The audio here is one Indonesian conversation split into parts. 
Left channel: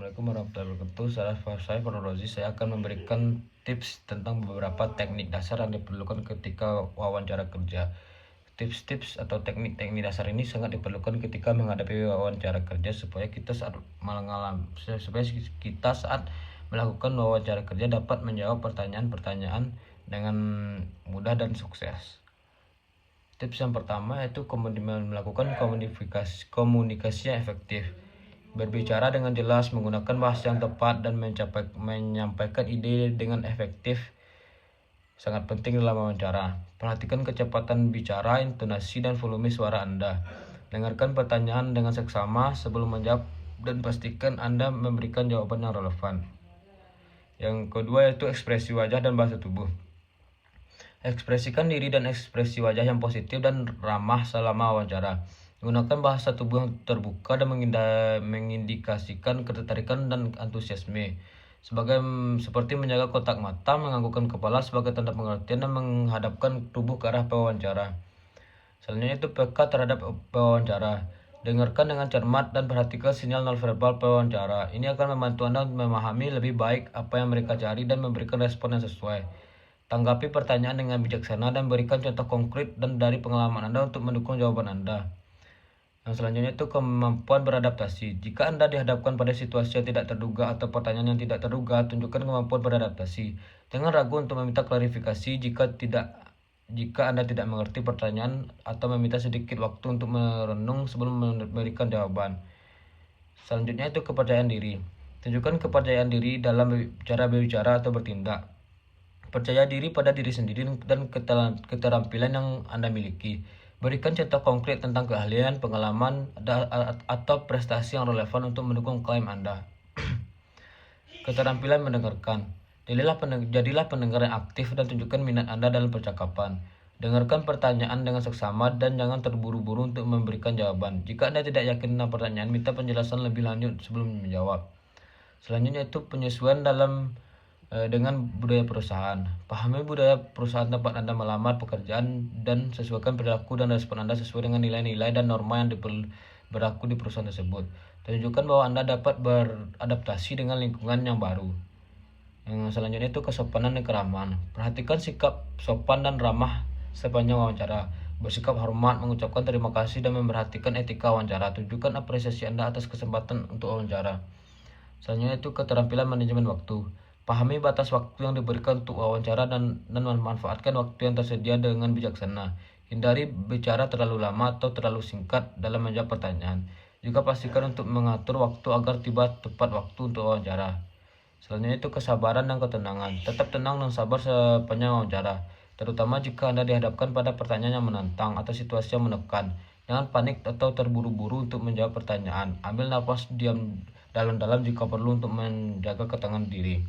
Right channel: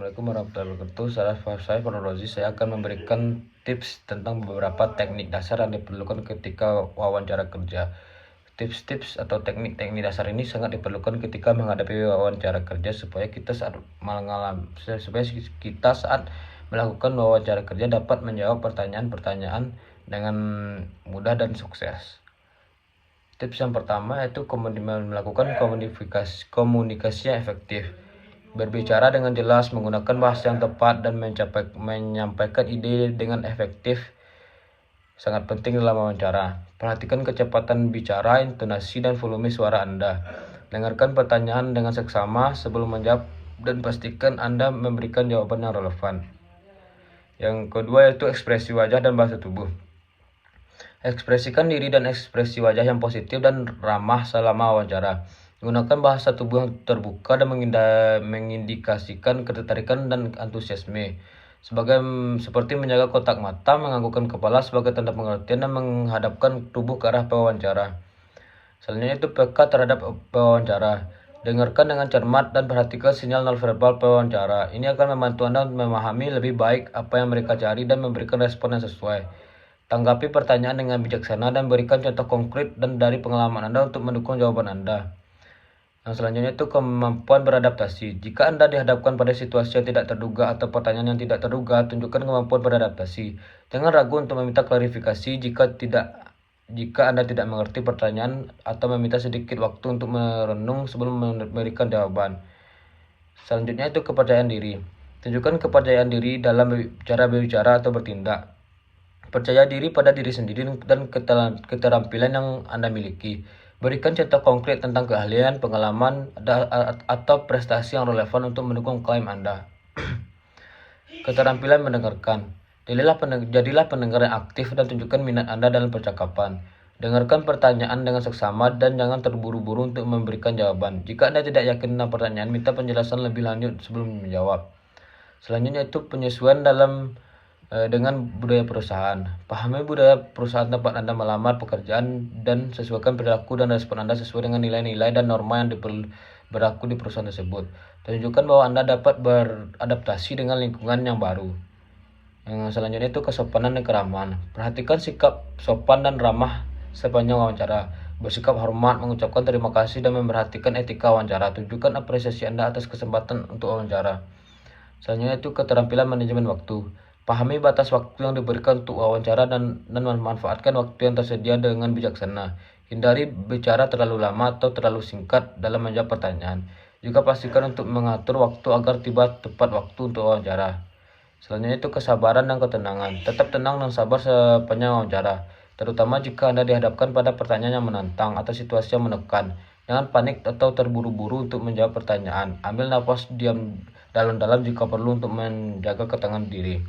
Assalamualaikum warahmatullahi wabarakatuh. Saya Farul. Saya akan memberikan tips tentang beberapa teknik dasar yang diperlukan ketika wawancara kerja. Tips-tips atau teknik-teknik dasar ini sangat diperlukan ketika menghadapi wawancara kerja supaya kita saat melakukan wawancara kerja dapat menjawab pertanyaan-pertanyaan dengan mudah dan sukses. Tips yang pertama yaitu melakukan komunikasi yang efektif. Berbicara dengan jelas, menggunakan bahasa yang tepat, dan menyampaikan ide dengan efektif sangat penting dalam wawancara. Perhatikan kecepatan bicara, intonasi, dan volume suara Anda. Dengarkan pertanyaan dengan seksama sebelum menjawab dan pastikan Anda memberikan jawaban yang relevan. Yang kedua yaitu ekspresi wajah dan bahasa tubuh. Ekspresikan diri dan ekspresi wajah yang positif dan ramah selama wawancara. Gunakan bahasa tubuh yang terbuka dan mengindikasikan ketertarikan dan antusiasme. Seperti menjaga kontak mata, menganggukkan kepala sebagai tanda pengertian, dan menghadapkan tubuh ke arah pewawancara. Selanjutnya itu peka terhadap pewawancara. Dengarkan dengan cermat dan perhatikan sinyal nonverbal pewawancara. Ini akan membantu Anda memahami lebih baik apa yang mereka cari dan memberikan respon yang sesuai. Tanggapi pertanyaan dengan bijaksana dan berikan contoh konkret dan dari pengalaman Anda untuk mendukung jawaban Anda. Yang selanjutnya itu kemampuan beradaptasi. Jika Anda dihadapkan pada situasi yang tidak terduga atau pertanyaan yang tidak terduga, tunjukkan kemampuan beradaptasi. Jangan ragu untuk meminta klarifikasi jika Anda tidak mengerti pertanyaan atau meminta sedikit waktu untuk merenung sebelum memberikan jawaban. Selanjutnya itu kepercayaan diri. Tunjukkan kepercayaan diri dalam cara berbicara atau bertindak. Percaya diri pada diri sendiri dan keterampilan yang Anda miliki. Berikan contoh konkret tentang keahlian, pengalaman, atau prestasi yang relevan untuk mendukung klaim Anda. Keterampilan mendengarkan. Jadilah pendengar yang aktif dan tunjukkan minat Anda dalam percakapan. Dengarkan pertanyaan dengan seksama dan jangan terburu-buru untuk memberikan jawaban. Jika Anda tidak yakin tentang pertanyaan, minta penjelasan lebih lanjut sebelum menjawab. Selanjutnya itu penyesuaian dengan budaya perusahaan. Pahami budaya perusahaan tempat Anda melamar pekerjaan dan sesuaikan perilaku dan respon Anda sesuai dengan nilai-nilai dan norma yang berlaku di perusahaan tersebut. Tunjukkan bahwa Anda dapat beradaptasi dengan lingkungan yang baru. Yang selanjutnya itu kesopanan dan keramahan. Perhatikan sikap sopan dan ramah sepanjang wawancara. Bersikap hormat, mengucapkan terima kasih, dan memperhatikan etika wawancara. Tunjukkan apresiasi Anda atas kesempatan untuk wawancara. Selanjutnya itu keterampilan manajemen waktu. Pahami batas waktu yang diberikan untuk wawancara dan memanfaatkan waktu yang tersedia dengan bijaksana. Hindari bicara terlalu lama atau terlalu singkat dalam menjawab pertanyaan. Juga pastikan untuk mengatur waktu agar tiba tepat waktu untuk wawancara. Selanjutnya itu kesabaran dan ketenangan. Tetap tenang dan sabar sepanjang wawancara, terutama jika Anda dihadapkan pada pertanyaan yang menantang atau situasi yang menekan. Jangan panik atau terburu-buru untuk menjawab pertanyaan. Ambil nafas diam dalam-dalam jika perlu untuk menjaga ketenangan diri.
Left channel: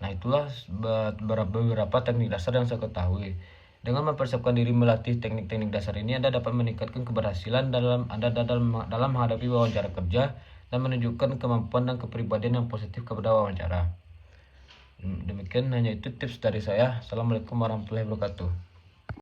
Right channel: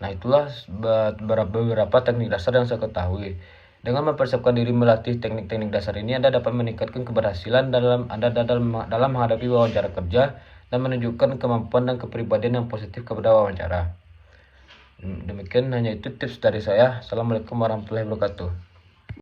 Nah, itulah beberapa teknik dasar yang saya ketahui. Dengan mempersiapkan diri melatih teknik-teknik dasar ini, Anda dapat meningkatkan keberhasilan dalam menghadapi wawancara kerja dan menunjukkan kemampuan dan kepribadian yang positif kepada wawancara. Demikian hanya itu tips dari saya. Assalamualaikum warahmatullahi wabarakatuh.